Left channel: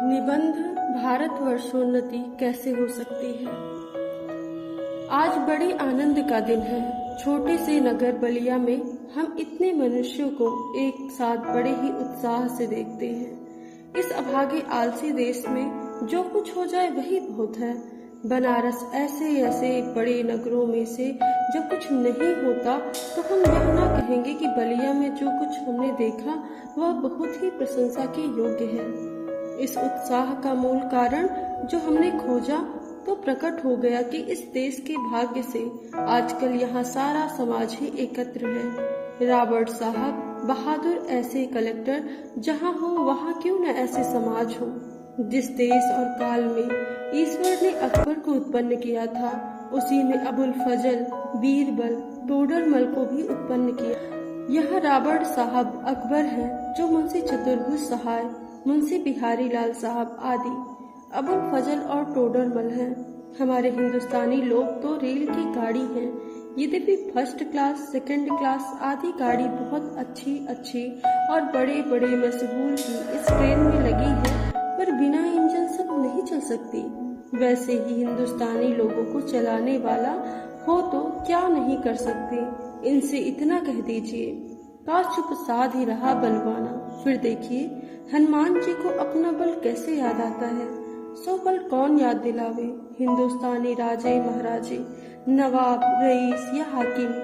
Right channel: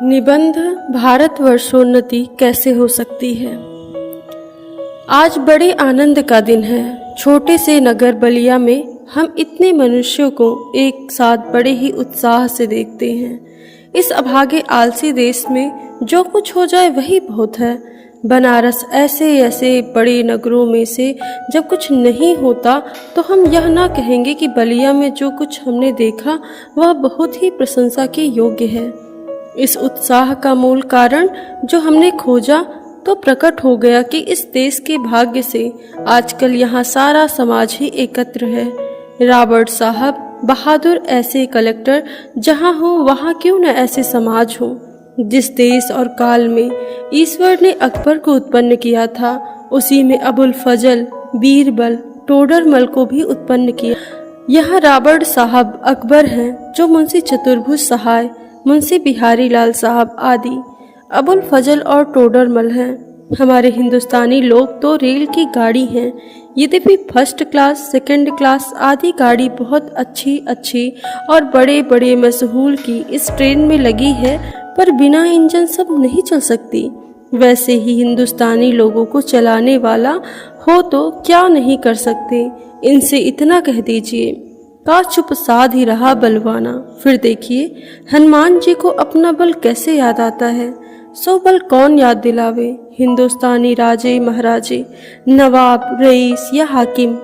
निबंध भारतवर्षोन्नति कैसे हो सकती है। आज बड़े आनंद का दिन है। छोटे से नगर बलिया में हम इतने मनुष्यों को एक साथ बड़े ही उत्साह से देखते हैं। इस अभागे आलसी देश में जो कुछ हो जाए वही बहुत है। बनारस ऐसे ऐसे बड़े नगरों में से जब कुछ नहीं होता तो हम यह ना कहेंगे कि बलिया में जो कुछ हमने देखा वह बहुत ही प्रशंसा के योग्य है। इस उत्साह का मूल कारण जो हमने खोजा तो प्रकट हो गया कि इस देश के भाग्य से आजकल यहाँ सारा समाज ही एकत्र है। रॉबर्ट साहब बहादुर ऐसे कलेक्टर जहाँ हो वहाँ क्यों न ऐसे समाज हो। जिस देश और काल में ईश्वर ने अकबर को उत्पन्न किया था उसी में अबुल फजल, बीरबल, टोडरमल को भी उत्पन्न किया। यहाँ रॉबर्ट साहब अकबर हैं जो मुंशी चतुर्भुज सहाय, मुंशी बिहारी लाल साहब आदि अबुल फजल और टोडरमल हैं। हमारे हिंदुस्तानी लोग तो रेल की गाड़ी हैं। यद्यपि फर्स्ट क्लास, सेकंड क्लास आदि गाड़ी बहुत अच्छी और बड़े बड़े मशहूर की इस ट्रेन में लगी है, पर बिना इंजन सब नहीं चल सकती। वैसे ही हिंदुस्तानी लोगों को चलाने वाला हो तो क्या नहीं कर सकते। इनसे इतना कह दीजिए, का चुप साध ही रहा बलवाना। फिर देखिए हनुमान जी को अपना बल कैसे याद आता है। सो बल कौन याद दिलावे। हिंदुस्तानी राजे महाराजे, नवाब, रईस या हाकिम।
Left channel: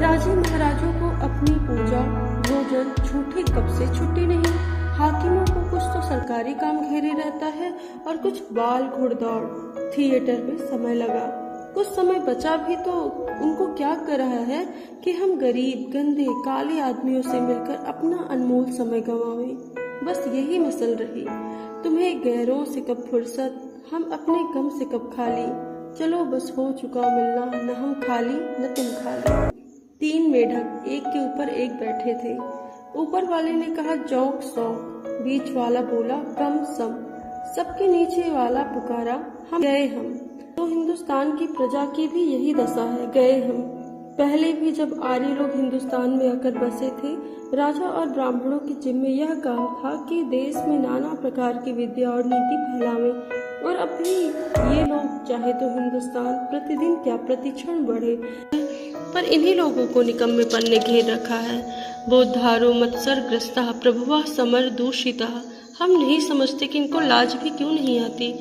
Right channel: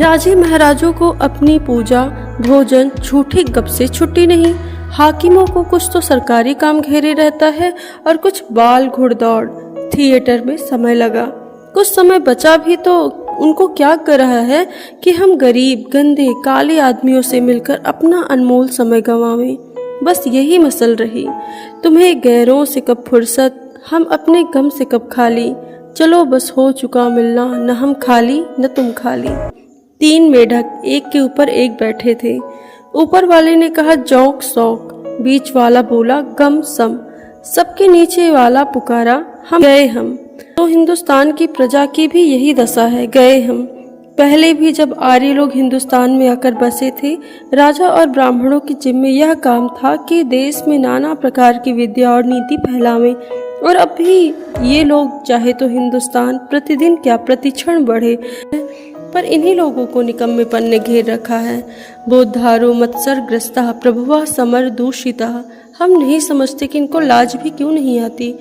राजे महाराजों को अपनी पूजा, भोजन, झूठी गप से छुट्टी नहीं। हाकिमों को कुछ तो सरकारी काम घेरे रहता है और कुछ बाल घुड़दौड़। थिएटर में समय लगा, कुछ समय बचा भी तो उनको क्या कर रहा है कि हम गरीब, गंदे, काले आदमियों से मिलकर अपना अनमोल समय गंवावें। बस यही मसल रही। तुम्हें गैरों से कब फुर्सत, हम अपने गम से कब खाली। चलो बस हो चुका मिलना, न हम खाली न तुम खाली। 3 मेढक एक के ऊपर एक बैठे थे। ऊपर वाले ने कहा जौक सौक, बीच वाला बोला गम सम, सबके नीचे वाला पुकारा हम गए हम। तो हिंदुस्तान की प्रजा की भी यही दशा है, गए हम। पहले भी जब आर्य लोग हिंदुस्तान में आकर बसे थे, राजा और ब्राह्मणों की जिम्मे यह काम था कि देश में नाना प्रकार की विद्या और नीति फैलावें। और अब भी ये लोग चाहे तो हिंदुस्तान प्रतिदिन क्या प्रतिक्षण बढ़े, पर इन्हीं लोगों को निकम्मेपन ने घेर रखा है। बोद्धारो मत्सरग्रस्ता प्रभुवा समर दूषिता। हम नहीं समझते कि इनको लाज भी क्यों नहीं आती।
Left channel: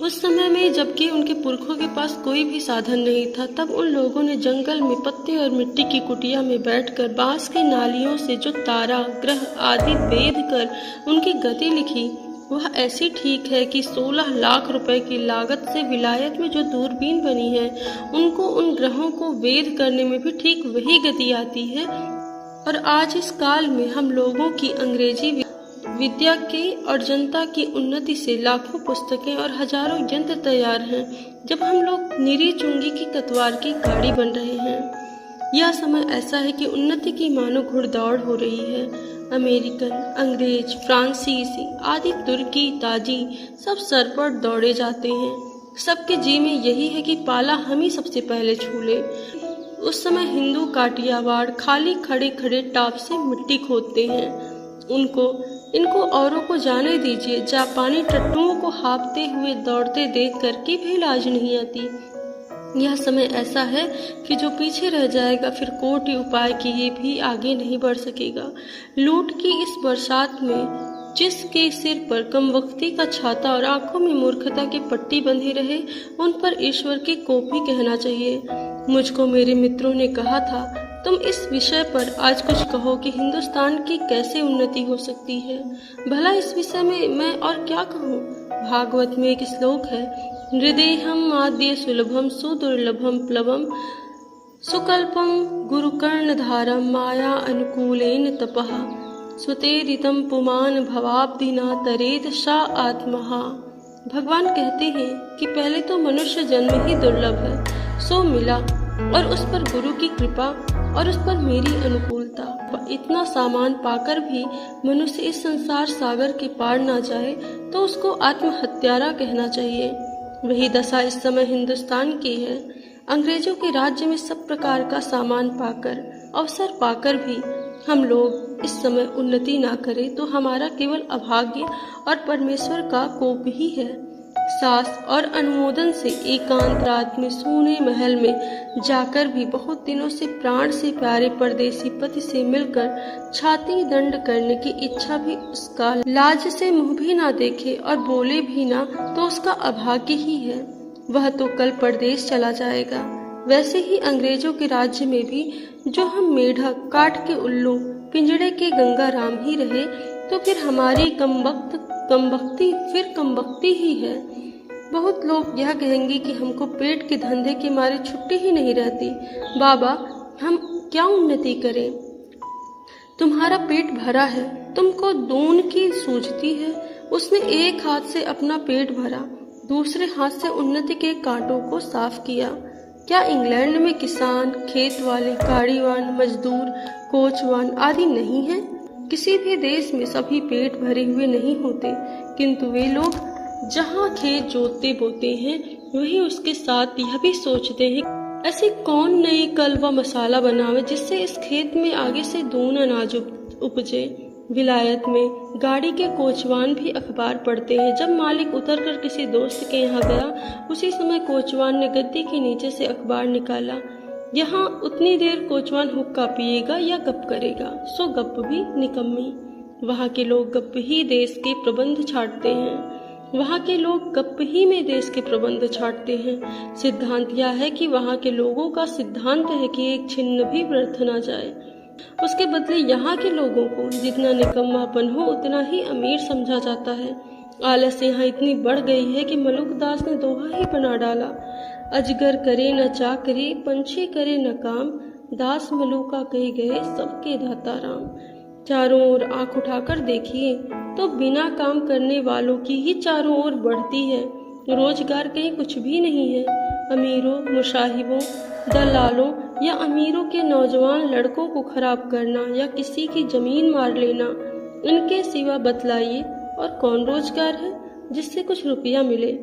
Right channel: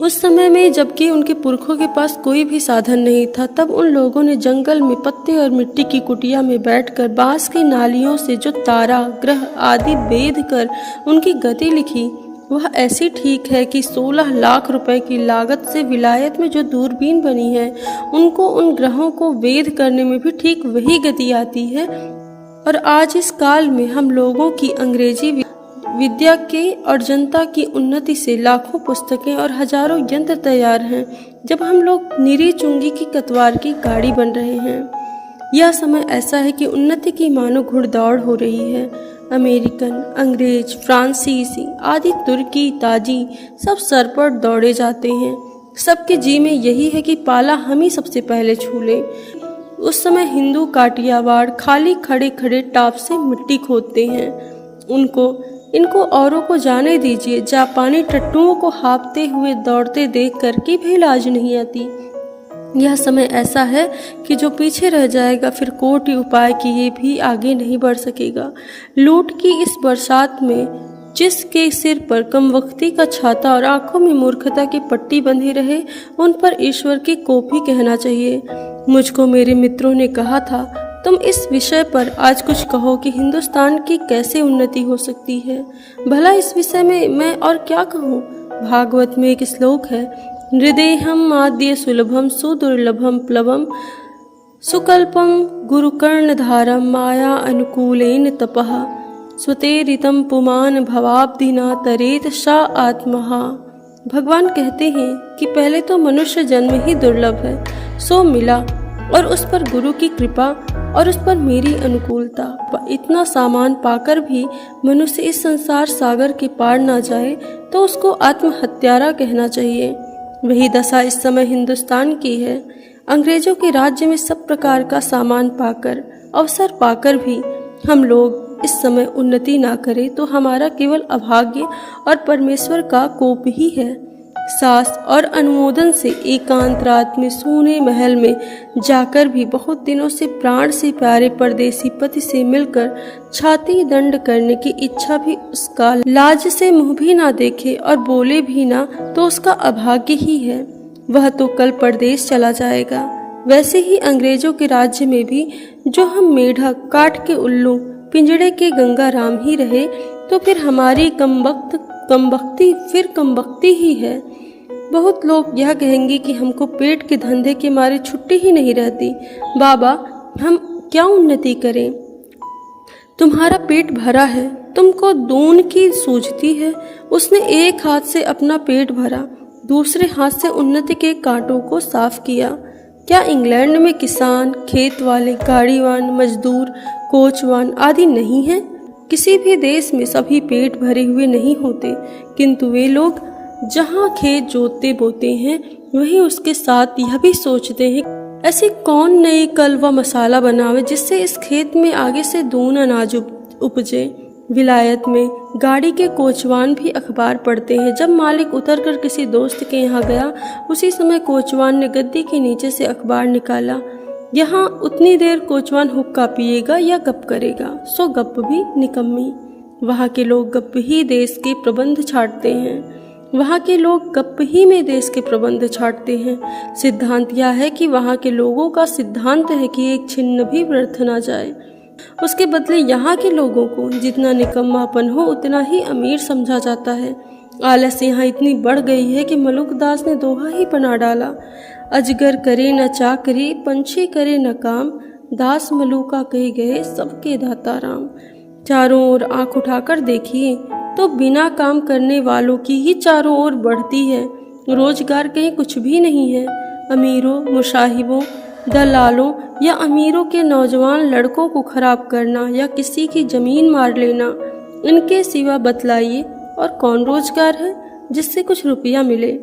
उस समय में जबकि उनके पुरखों के पास कोई भी साधन नहीं था, तब उन लोगों ने जंगल में पत्ते और मिट्टी की कुटिया में बैठकर बांस की नालियों से जो तारा, ग्रह आदि वेद कर उनकी गति लिखी, वह ऐसी ठीक है कि 16 लाख रुपए की लागत से विलायत में जो दूरबीन बनी है, उनको उन ग्रहों को वेद करने में भी ठीक वही गति आती है। और आज इस काल में हम लोगों की अंग्रेजी विद्या के और जनता की उन्नति से लाखों पुस्तकें और हजारों यंत्र तैयार हैं, जब हम लोग निरी चुंगी की कतवार की गाड़ी बन रहे हैं। यह समय ऐसा है कि उन्नति की मानो घुड़दौड़ हो रही है। अमेरिकन, अंग्रेज, फ्रांसीसी आदि, तुर्की, ताजी सब सर पर दौड़े जाते हैं। सबके जी में यही है कि पाला हम ही सबसे पहले छू लें। उस समय हिंदू काटियावाड़ खाली खड़े खड़े टाप से मिट्टी खोदते हैं। इनको औरों को जाने दीजिए। जापानी टट्टुओं को हाँफते हुए दौड़ते देख कर की भी लाज नहीं आती। यह समय ऐसा है कि जो पीछे रह जाएगा फिर कोटि उपाय किए भी आगे नहीं बढ़ सकेगा। लूट की इस बरसात में जिसके सिर पर कमबख्ती का छाता और आंखों में मूर्खता की पट्टी बंधी रहे, उन पर ईश्वर की कोप ही कहना चाहिए। मुझको मेरे मित्रों ने कहा था, तुम इस विषय पर आज कुछ कहो कि हिंदुस्तान की कैसे उन्नति हो सकती है। भला इस विषय में मैं और क्या कहूँ। भागवत में एक श्लोक है, हृदयहम आद्य सुलभम सुदुर्लभम प्लवम सुकल्पम गुरुकर्णधारम माया अनुकूलेन तपः स्वतेरितम पुमान भवाब्दिना तरेत सा आत्महा। भगवान कहते हैं कि पहले तो मनुष्य जन्म ही दुर्लभ है, सो मिला, और उस पर गुरु की कृपा और उस पर मेरी अनुकूलता। इतना सामान पाकर भी मनुष्य इस संसार सागर के पार ना जाए तो उसको आत्महत्यारा कहना चाहिए। वही दशा इस समय हिंदुस्तान की है। अंग्रेजों के राज्य में सब प्रकार का सामान पाकर, अवसर पाकर भी हम लोग इस समय उन्नति ना करें तो हमारा केवल अभाग्य और परमेश्वर का कोप ही है। सास और अनुमोदन से एकांत रात में सोने महल में जाकर भी बहुत दिनों से प्राण से प्यारे परदेसी पति से मिलकर छाती दंड करने की इच्छा भी उसका लाज से मुंह भी ना देखे और बोले भी ना तो उसका अभाग्य ही है। वह तो कल परदेश चला जाएगा। वैसे ही अंग्रेजों के राज्य में भी जो हम मेढक काट के उल्लू पिंजड़े के गंगाराम ही रहे तो फिर हमारी कमबख्ती ही है। बहुत लोग यह कहेंगे कि हमको पेट के धंधे के मारे छुट्टी ही नहीं रहती। बाबा, हम क्या उन्नति करें? तुम्हारा पेट भरा है, तुमको दून की सूझती है। उसने एक हाथ से अपना पेट भरा, दूसरे हाथ से उन्नति के कांटों को साफ किया। क्या इंग्लैंड में किसान, खेत वाले, गाड़ीवान, मजदूर, कोचवान आदि नहीं हैं? किसी भी देश में सभी पेट भरे हुए नहीं होते, किंतु वे लोग जहाँ खेत जोतते बोते हैं वहीं उसके साथ यह भी सोचते हैं ऐसी कौन नई कल व मसाला बनावे जिससे इस खेत में आगे से दून अनाज उपजे। विलायत में गाड़ी के कोचवान भी अखबार पढ़ते हैं। जब मालिक उतरकर किसी दोस्त के यहाँ गया, उसी समय कोचवान ने गद्दी के नीचे से अखबार निकाला। यहाँ उतनी देर कोचवान हुक्का पिएगा या गप करेगा, सो गप भी निकम्मी। वहाँ के लोग गप ही देश के प्रबंध छाटते हैं। वहाँ के लोग गप ही में देश के प्रबंध छाटते हैं। सिद्धांत यह है कि वहाँ के लोगों का सिद्धांत है कि एक छिन्न भी व्यर्थ ना जाए। उसके बदले यहाँ के लोगों को जितना निकम्मापन हो उतना ही अमीर समझा जाता है। आलस यहाँ इतनी बढ़ गई है कि मलुकदास ने दोहा ही बना डाला, अजगर करे न चाकरी, पंछी करे न काम, दास मलुका कहे गए सबके दाता राम। चारों ओर आंख उठाकर देखिए तो बिना काम करने वालों की ही चारों ओर बढ़ती है। रोजगार कहीं कुछ भी नहीं है। अमीरों, मुशाहिबों, दलालों या अमीरों के नौजवान लड़कों को खराब करना या किसी की जमीन मार लेना, इनके सिवा बतलाइए और कौन रोजगार है जिससे कुछ रुपया मिले।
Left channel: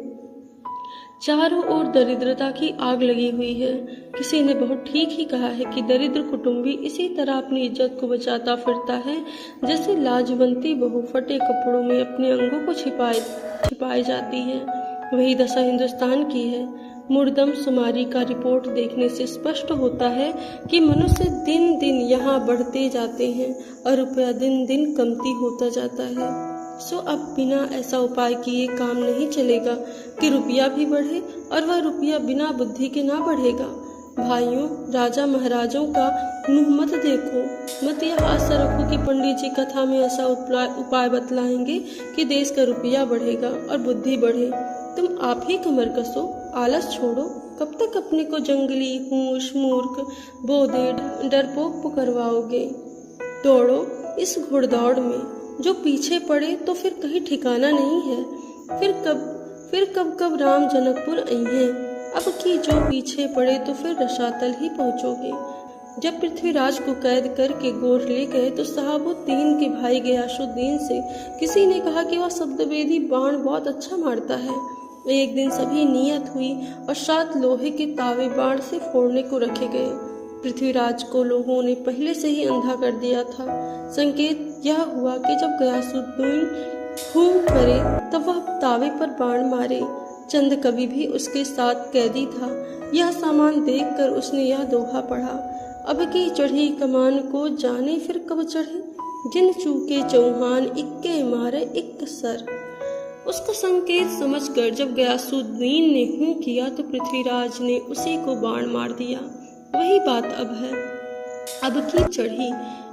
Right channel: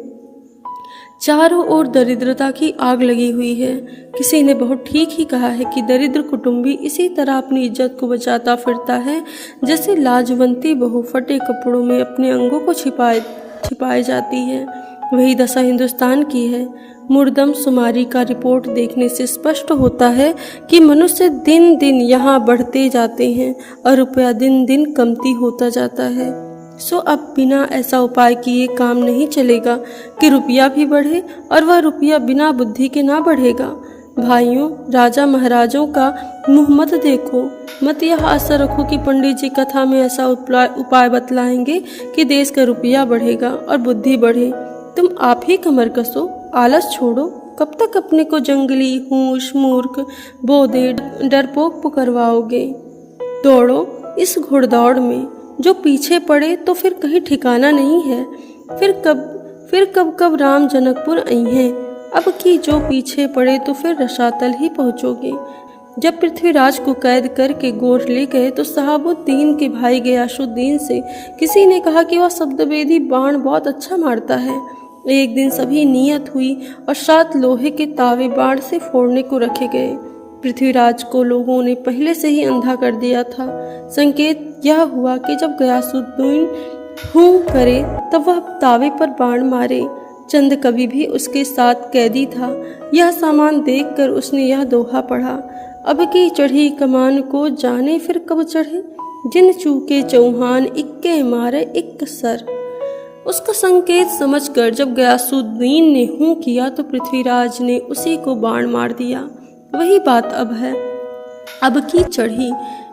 चारों ओर दरिद्रता की आग लगी हुई है। किसी ने बहुत ठीक ही कहा है कि दरिद्र कुटुंबी इसी तरह अपनी इज्जत को बचाता फिरता है जैसे लाजवंती बहू फटे कपड़ों में अपने अंगों को छिपाए जाती है। वही दशा हिंदुस्तान की है। मुर्दम शुमारी का रिपोर्ट देखने से स्पष्ट होता है कि मनुष्य दिन दिन यहाँ बढ़ते जाते हैं और रुपया दिन दिन कमती होता जाता है। सो अब बिना ऐसा उपाय किए काम नहीं चलेगा कि रुपया भी बढ़े और वह रुपया बिना बुद्धि के ना बढ़ेगा। भाइयों, राजा महाराजों का मुंह मत देखो, मत यह आशा रखो कि पंडित जी कथा में ऐसा उपाय बतलाएंगे कि देश का रुपया बढ़ेगा और बुद्धि बढ़े। तुम आप ही कमर कसो, आलस छोड़ो। कब तक अपने को जंगली, होश, मूर्ख, बोधे, डरपोक पुकारवाओगे? दौड़ो इस घुड़दौड़ में, जो पीछे पड़े तो फिर कहीं ठिकाना नहीं है। फिर कब राम जनकपुर आई हैं। अब की जो पीछे पड़े तो फिर रसातल ही पहुँचोगे। जब पृथ्वीराज को कैद करके गोर ले गए तो सहाबुद्दीन के भाई गयासुद्दीन से किसी ने कहा कि वह शब्दवेदी बाण बहुत अच्छा मारता है। एक दिन सभी नियत हुई और 7 लोहे के तावे बाण से फोड़ने को रखे गए। पृथ्वीराज को लोगों ने पहले से ही अंधा कर दिया था। संकेत यह हुआ कि जब गयासुद्दीन हूँ करे तब वह तावे पर बाण मारे। चंद कवि भी उसके साथ कैदी था। यह सामान देखकर उसने यह दोहा पढ़ा, अब की चढ़ी कमान को जाने फिर कब चढ़े, जिन चूके चौहान इक्के मारे इक्क सर। उसका संकेत समझकर जब गयासुद्दीन ने हूँ किया तो पृथ्वीराज ने उसी को बाण मार दिया। वही बात अब है, अब की चढ़ी।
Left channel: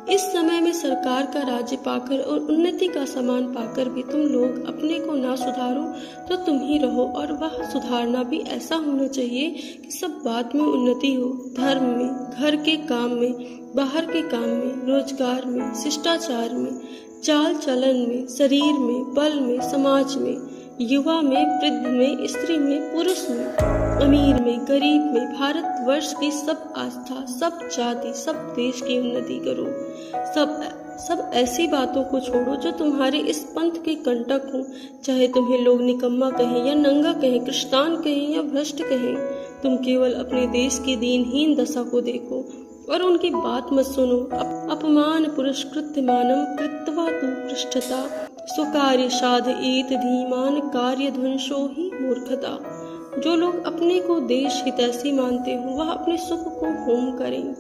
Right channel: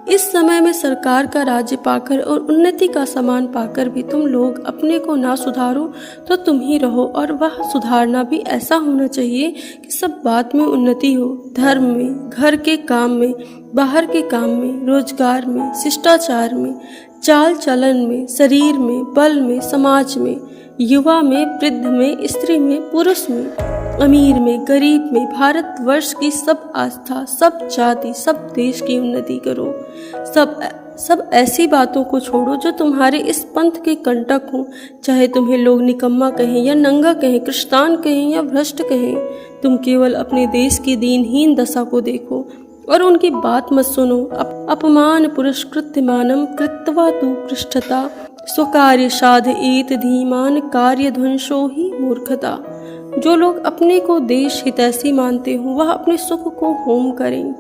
इस समय में सरकार का राज्य पाकर और उन्नति का सामान पाकर भी तुम लोग अपने को ना सुधारो तो तुम ही रहो। और वह सुधारना भी ऐसा होना चाहिए कि सब बात में उन्नति हो, धर्म में, घर के काम में, बाहर के काम में, रोजगार में, शिष्टाचार में, चाल चलन में, शरीर में, बल में, समाज में, युवा में, वृद्ध में, स्त्री में, पुरुष में, अमीर में, गरीब में, भारतवर्ष की सब आस्था, सब जाति, सब देश की उन्नति करो। सब ऐसी बातों को छोड़ो जो तुम्हारे इस पंथ के कंटक हो। चाहे तुम्हें लोग निकम्मा कहें या नंगा कहें, कृष्टान कहें या भ्रष्ट कहें, तुम केवल अपने देश की दीनहीन दशा को देखो और उनकी बात मत सुनो। अपमान पुरस्कृत्य मानम कृत्वा तु पृष्ठता स्वकार्य साधयेत धीमान कार्य ध्वंसो ही मूर्खता। जो लोग अपने को देश हितैषी मानते हो वह अपने सुख को होम करें।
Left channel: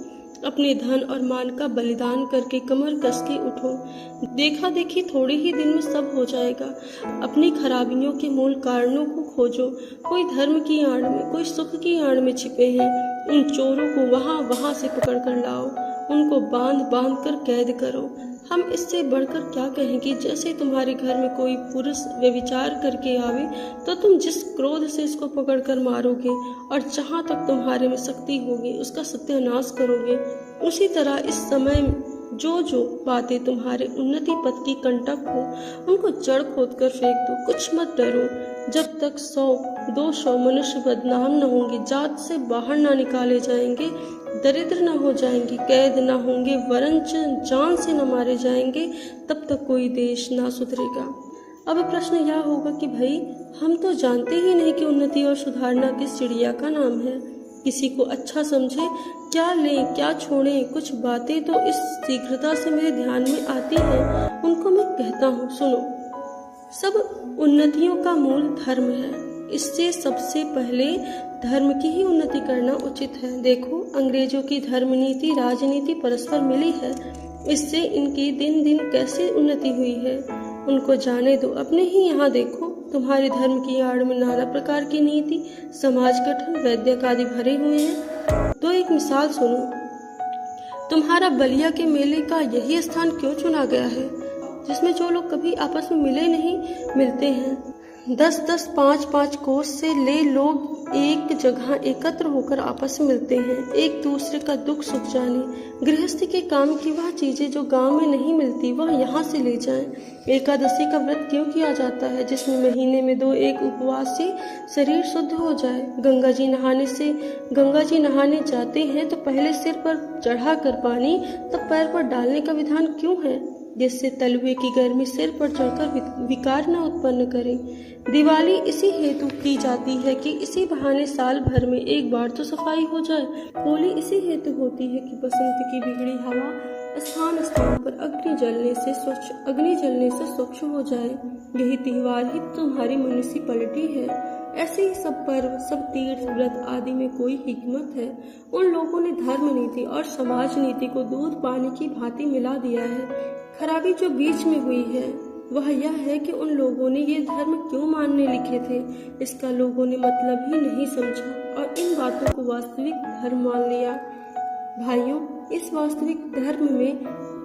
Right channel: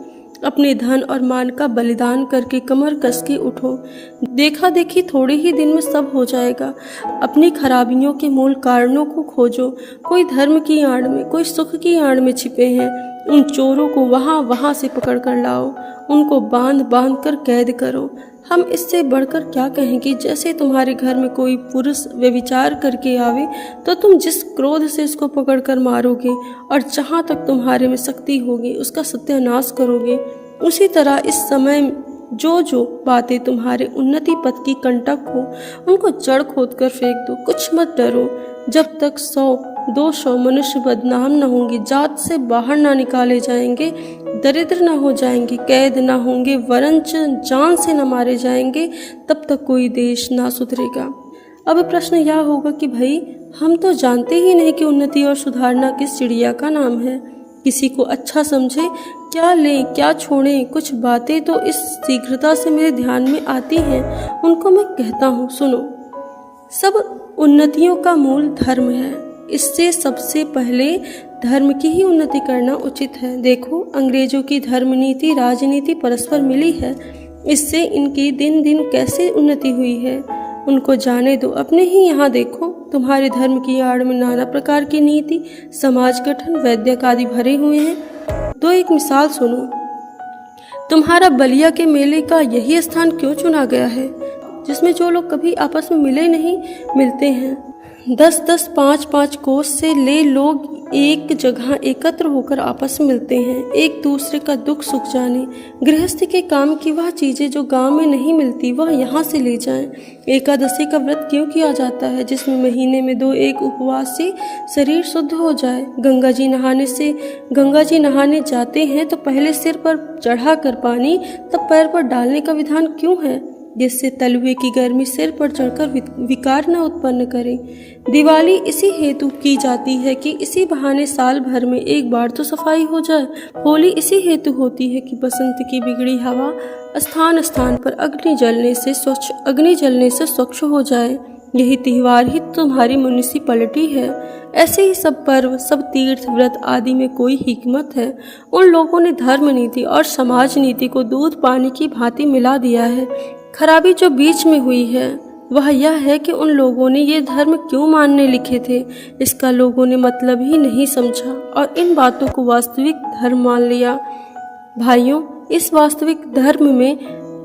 अपने धन और मान का बलिदान करके कमर कस के उठो। देखा देखी थोड़े ही दिन में सब हो जाएगा। अपनी खराबियों के मूल कारणों को खोजो। कोई धर्म की आड़ में, कोई सुख की आड़ में छिपे हैं। उन चोरों को वहाँ से पकड़ कर लाओ, उनको बांध बांध कर कैद करो। हम इससे बढ़कर क्या कहेंगे। जैसे तुम्हारे घर में कोई पुरुष व्यभिचार करके आवे तो तुम जिस क्रोध से इसको पकड़ कर मारोगे और जहाँ तक तुम्हारे में शक्ति होगी उसका सत्यानाश करोगे, उसी तरह इस समय जो बातें तुम्हारे उन्नति पथ की कंटक हो उनको जड़ खोद कर फेंक दो। कुछ मत डरो। जब तक 100-200 मनुष्य बदनाम न होंगे, जात से बाहर ना निकाले जाएंगे, दरिद्र न हो जाएंगे, कैद न होंगे, वरन जान से न मारे जाएंगे, तब तक कोई देश ना सुधरेगा। अब प्रश्न यह होगा कि भाई हम तो जानते ही नहीं कि उन्नति और सुधारना किस चिड़िया का नाम है। किसी को अच्छा समझे, क्या लें क्या छोड़ें, कुछ बातें तो इस शीघ्रता से मेरे ध्यान में आती हैं, उनको मैं कहता हूँ सुनो। सब उन्नतियों का मूल धर्म है। इससे सबसे पहले धर्म की ही उन्नति करना उचित है। देखो, अंग्रेजों की धर्म नीति राजनीति परस्पर मिली है। इससे इनकी दिन दिन कैसे उन्नति हुई है उनको जाने दो। अपने ही यहाँ देखो, तुम्हारे धर्म की आड़ में नाना प्रकार की नीति, समाज गठन, वैद्यक आदि भरे हुए हैं। तो एक मिसाल सुनो। तुम्हारा बलिया के मेले का यही स्थान क्यों चुना गया है, जिसमें जो लोग कभी आपस में मिले नहीं मिलते हैं। 10-10, 5-5 कोस से ले लोग एक जगह एकत्र होकर आपस में मिलते हैं, एक दूसरे का दुख सुख जाने। गृहस्थी के काम की वह चीजें जो गांव में नहीं मिलती वह यहाँ से ले जाएं। एकादशी का व्रत क्यों किया जाता है, जिसमें महीने में 2-1 उपवास से शरीर शुद्ध हो जाए। गंगा जी नहाने जाते हैं तो पहले सिर पर चढ़ा कर पानी, तब पैर पर डालने का विधान क्यों है, जिससे तलवे की गर्मी सिर पर चढ़कर विकार न उत्पन्न करे। दिवाली इसी हेतु की जाती है कि इसी बहाने साल भर में एक बार तो सफाई हो जाए। होली इसी हेतु होती है कि बसंत की बिगड़ी हवा स्थान स्थान पर अग्नि जलने से स्वच्छ हो जाए। यही त्योहार ही तुम्हारी म्युनिसिपैलिटी है। ऐसे ही सब पर्व, सब तीर्थ व्रत आदि में कोई हिकमत है। उन लोगों ने धर्म नीति और समाज नीति को दूध पानी की भांति मिला दिया है। खराबी जो बीच में हुई है वह यह है कि उन लोगों ने ये धर्म क्यों मानने लिखे थे, इसका लोगों ने मतलब ही नहीं समझा और इन बातों को वास्तविक धर्म मान लिया। भाइयों, इस वास्तविक धर्म में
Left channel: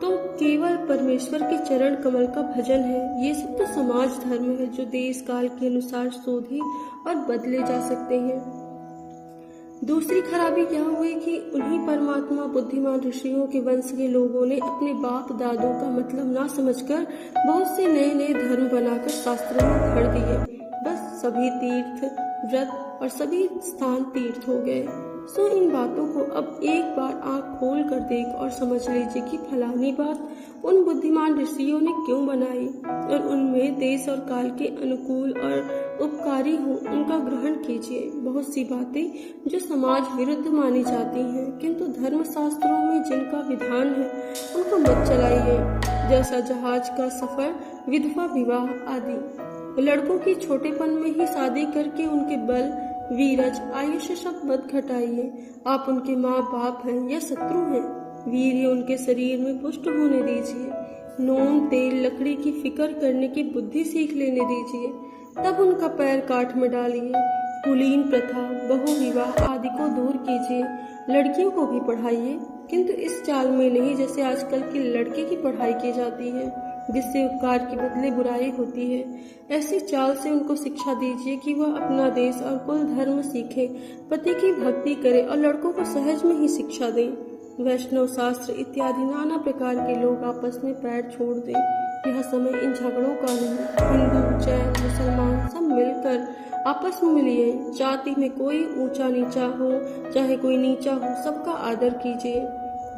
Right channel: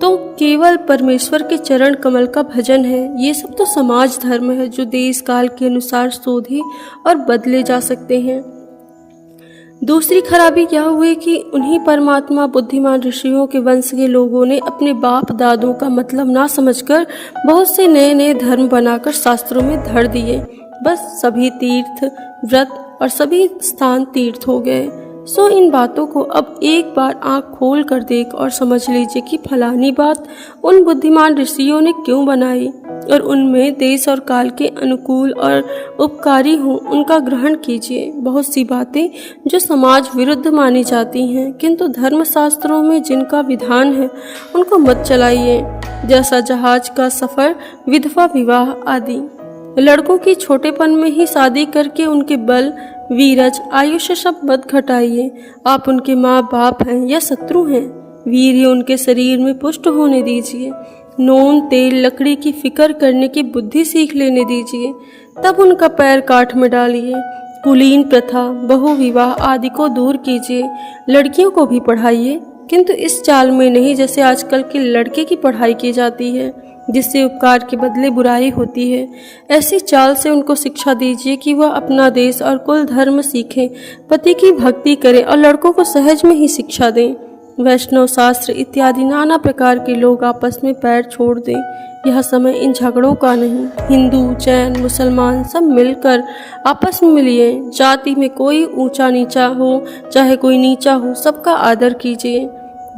तो केवल परमेश्वर के चरण कमल का भजन है। ये सब तो समाज धर्म है जो देश काल के अनुसार शोधे और बदले जा सकते हैं। दूसरी खराबी क्या हुई कि उन्हीं परमात्मा बुद्धिमान ऋषियों के वंश के लोगों ने अपने बाप दादों का मतलब ना समझकर बहुत से नए नए धर्म बनाकर शास्त्रों में धर दिए। बस सभी तीर्थ व्रत और सभी स्थान तीर्थ हो गए। सो इन बातों को अब एक बार आंख खोल कर देख और समझ लीजिए कि फलानी बात उन बुद्धिमान ऋषियों ने क्यों बनाई और उनमें देश और काल के अनुकूल और उपकारी हो उनका ग्रहण कीजिए। बहुत सी बातें जो समाज विरुद्ध मानी जाती हैं किंतु धर्मशास्त्रों में जिनका विधान है उनको मत चलाइए, जैसा जहाज का सफर, विधवा विवाह आदि। लड़कों की छोटेपन में ही शादी करके उनके बल, वीरज, आयुष्य सब मत घटाइए। आप उनके माँ बाप हैं या शत्रु हैं, वीर्य उनके शरीर में पुष्ट होने दीजिए। नून तेल लकड़ी की फिक्र करने की बुद्धि सीख लेने दीजिए, तब उनका पैर काठ में डालिए। कुलीन प्रथा, बहु विवाह आदि को दूर कीजिए। लड़कियों को भी पढ़ाइए, किंतु इस चाल में नहीं जैसे आजकल के लड़के की पढ़ाई की जाती है, जिससे उपकार के बदले बुराई होती है। ऐसी चाल से उनको शिक्षा दीजिए कि वह अपना देश और कुल धर्म सीखें, पति की भक्ति करें और लड़कों को सहज में ही शिक्षा दें। वैष्णव शास्त्र इत्यादि नाना प्रकार के लोग आपस में पैर छोड़ दें। यह समय इन झगड़ों का नहीं। हिंदू, जैन, मुसलमान सब मिलकर आपस में मिलिए। जाति में कोई ऊंचा नीचा हो चाहे कोई नीचा हो, सबका आदर कीजिए।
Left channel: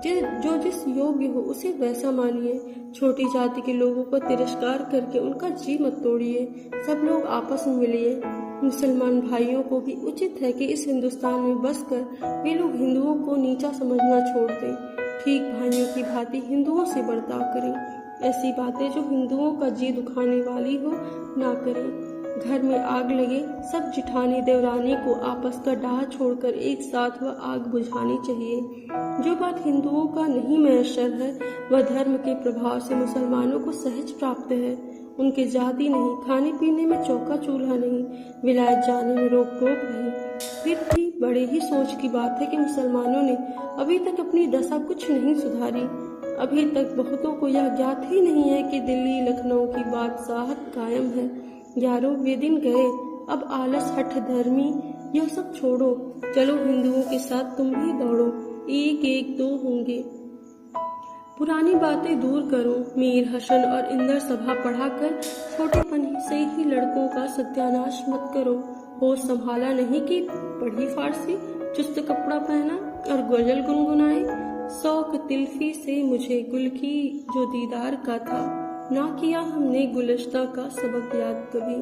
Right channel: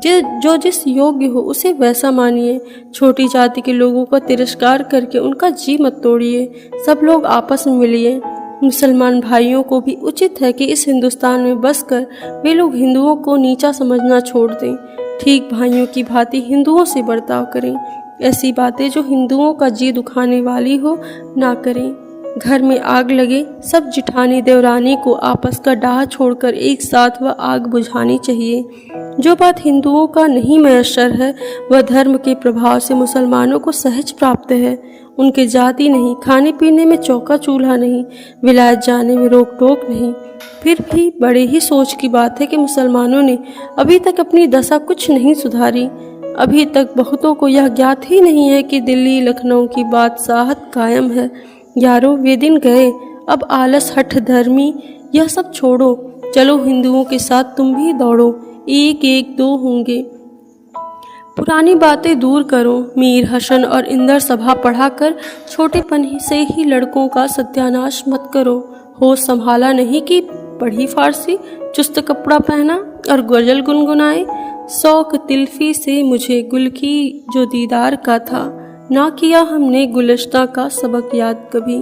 जो जिस योग्य हो उसे वैसा मानिए। छोटी जाति के लोगों का तिरस्कार करके उनका जी मत तोड़िए। सब लोग आपस में मिलिए। मुसलमान भाइयों को भी उचित है कि इस हिंदुस्तान में बसकर वे लोग हिंदुओं को नीचा समझना छोड़ दें। ठीक भाइयों की भांति हिंदुओं से बर्ताव करें। ऐसी बातें जो हिंदुओं का जी दुखाने वाली हो ना करें। घर में आग लगे, सब जिठानी देवरानी को आपस का डाह छोड़कर एक साथ वह आग बुझानी चाहिए। जो बात हिंदुओं का नहीं मयस्सर है वह धर्म के प्रभाव से मुसलमानों को सहज प्राप्त है। उनके जाति नहीं, खाने पीने में चौका चूल्हा नहीं, विलायत जाने में रोक टोक नहीं। फिर भी बड़े ही सोच की बात है कि मुसलमानों ने अभी तक अपनी दशा कुछ नहीं सुधारी। अभी तक बहुतों को यह ज्ञात ही नहीं है कि दिल्ली लखनऊ की बादशाहत कायम है। यारो, वे दिन गए, अब आलस, हठ धर्मी यह सब छोड़ो। चलो हिंदुओं के साथ तुम भी दौड़ो, एक एक दो होंगे। पुरानी बातें दूर करो। मीर हसन और इंदर सभा पढ़ाकर छोटेपन से ही लड़कों का सत्यानाश मत करो। होश संभाला नहीं कि पढ़ी फारसी, चुस्त कपड़ा पहना और गजल गुनगुनाए। शौक तिल्फी से मुझे गुल की जो दीदार का था, ना किया हमने गुलश्ता का सबक याद कभी।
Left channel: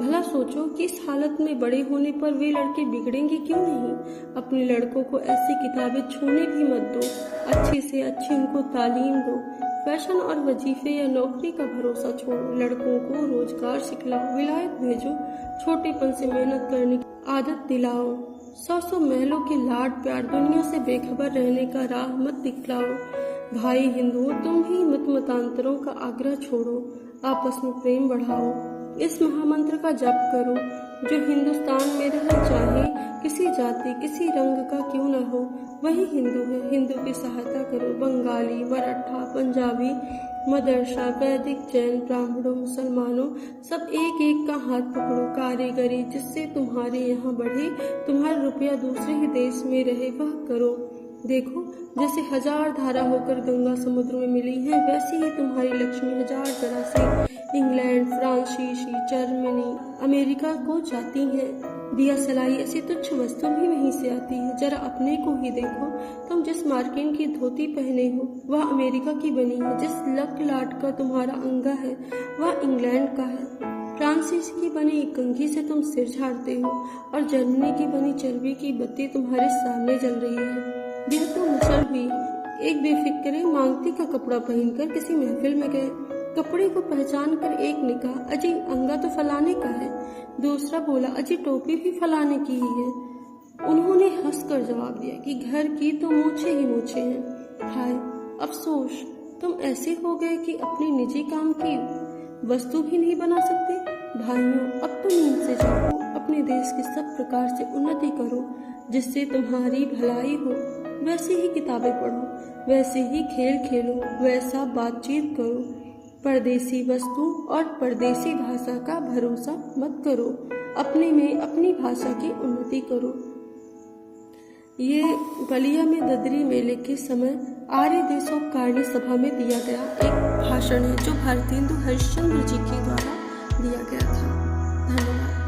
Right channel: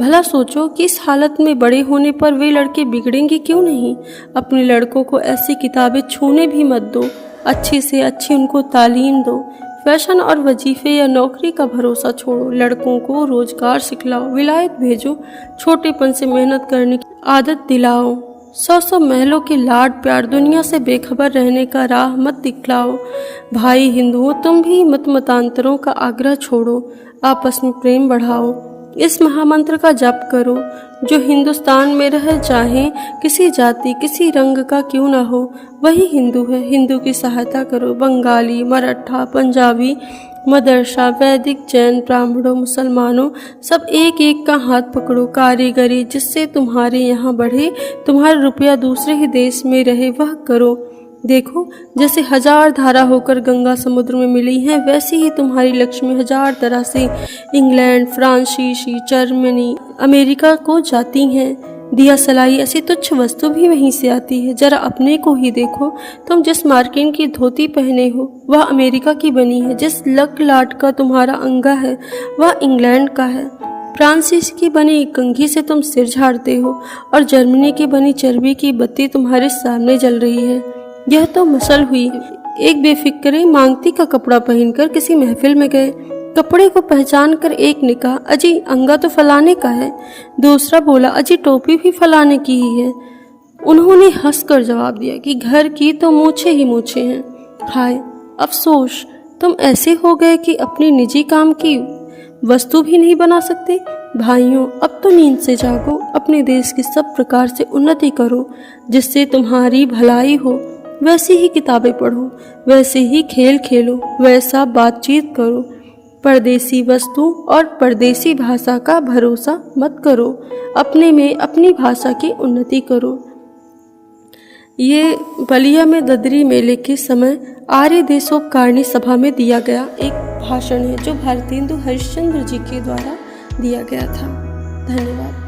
भला सोचो कि इस हालत में बड़े होने पर वे लड़के बिगड़ेंगे क्यों नहीं। अपने लड़कों को ऐसी किताबें छूने भी मत दो। अच्छी से अच्छी उनको तालीम दो। फैशन और वजीफे या नौकरी का भरोसा छोड़ो। लड़कों को रोजगार सिखलाओ, विलायत भेजो। छोटेपन से मेहनत करने की आदत दिलाओ। 100 महलों के लाड प्यार दुनिया से बेखबर रहने का राह मत दिखलाओ। भाई हिंदुओं, तुम भी मत मतांतरों का आग्रह छोड़ो। आपस में प्रेम बढ़ाओ। इस महामंत्र का जप करो। जो हिंदुस्तान में रह चाहे, किसी जाति किसी रंग का क्यों ना हो, वही हिंदू है। हिंदू की सहायता करो। बंगाली, मराठा, पंजाबी, मदरसा, वैदिक, जैन, ब्राह्मणों, मुसलमानों, सब एक एक का हाथ पकड़ो। कारीगरी जिससे तुम्हारे यहाँ बढ़े, तुम्हारा रुपया दूसरे ही देश में रहे, वह करो। देखो, जैसे 1000 धारा होकर गंगा समुद्र में मिली हैं, वैसी ही तुम्हारी लक्ष्मी 1000 तरह से इंग्लैंड, फ्रांसीसी, जर्मनी, अमेरिका को जाती हैं। दिया सलाई ऐसी तुच्छ वस्तु भी वहीं से आती है। जरा अपने को ही देखो। तुम जिस मार्किन की धोती पहने हो वह अमेरिका की बनी है। जिस लक लाट का तुम्हारा अंगा है वह इंग्लैंड का है। फ्रांसिस की बनी कंघी से तुम सिर झाड़ते हो और जर्मनी की बनी चर्बी की बत्ती तुम्हारे सामने जल रही है। यह तो मसल हुई। एक बेफिक्रे मांगती का कपड़ा पहनकर किसी महफिल में गए। कपड़े को पहचान कर एक ने कहा, अजी अंगा तो फलाने का है। दूसरा बोला, अजी टोपी भी फलाने की ही है। उन्होंने हंसकर जवाब दिया कि घर की तो मूछे ही मूछे हैं। हाय अफसोस, तुम ऐसे हो गए कि अपने निजी काम की वस्तु भी नहीं बना सकते। भाइयों, अब तो नींद से जागो। अपने देश की सब प्रकार से उन्नति करो, जिससे तुम्हारी भलाई हो। वैसी ही किताबें पढ़ो, वैसे ही खेल खेलो, वैसा बातचीत करो। परदेसी वस्तु और परदेसी भाषा का भरोसा मत करो। अपने में अपनी भाषा की उन्नति करो। ये बलिया में ददरी मेले के समय आर्य देशोपकारिणी सभा में दिया गया एक भाषण है, जो भारतेंदु हरिश्चंद्र जी के द्वारा दिया गया था। धन्यवाद।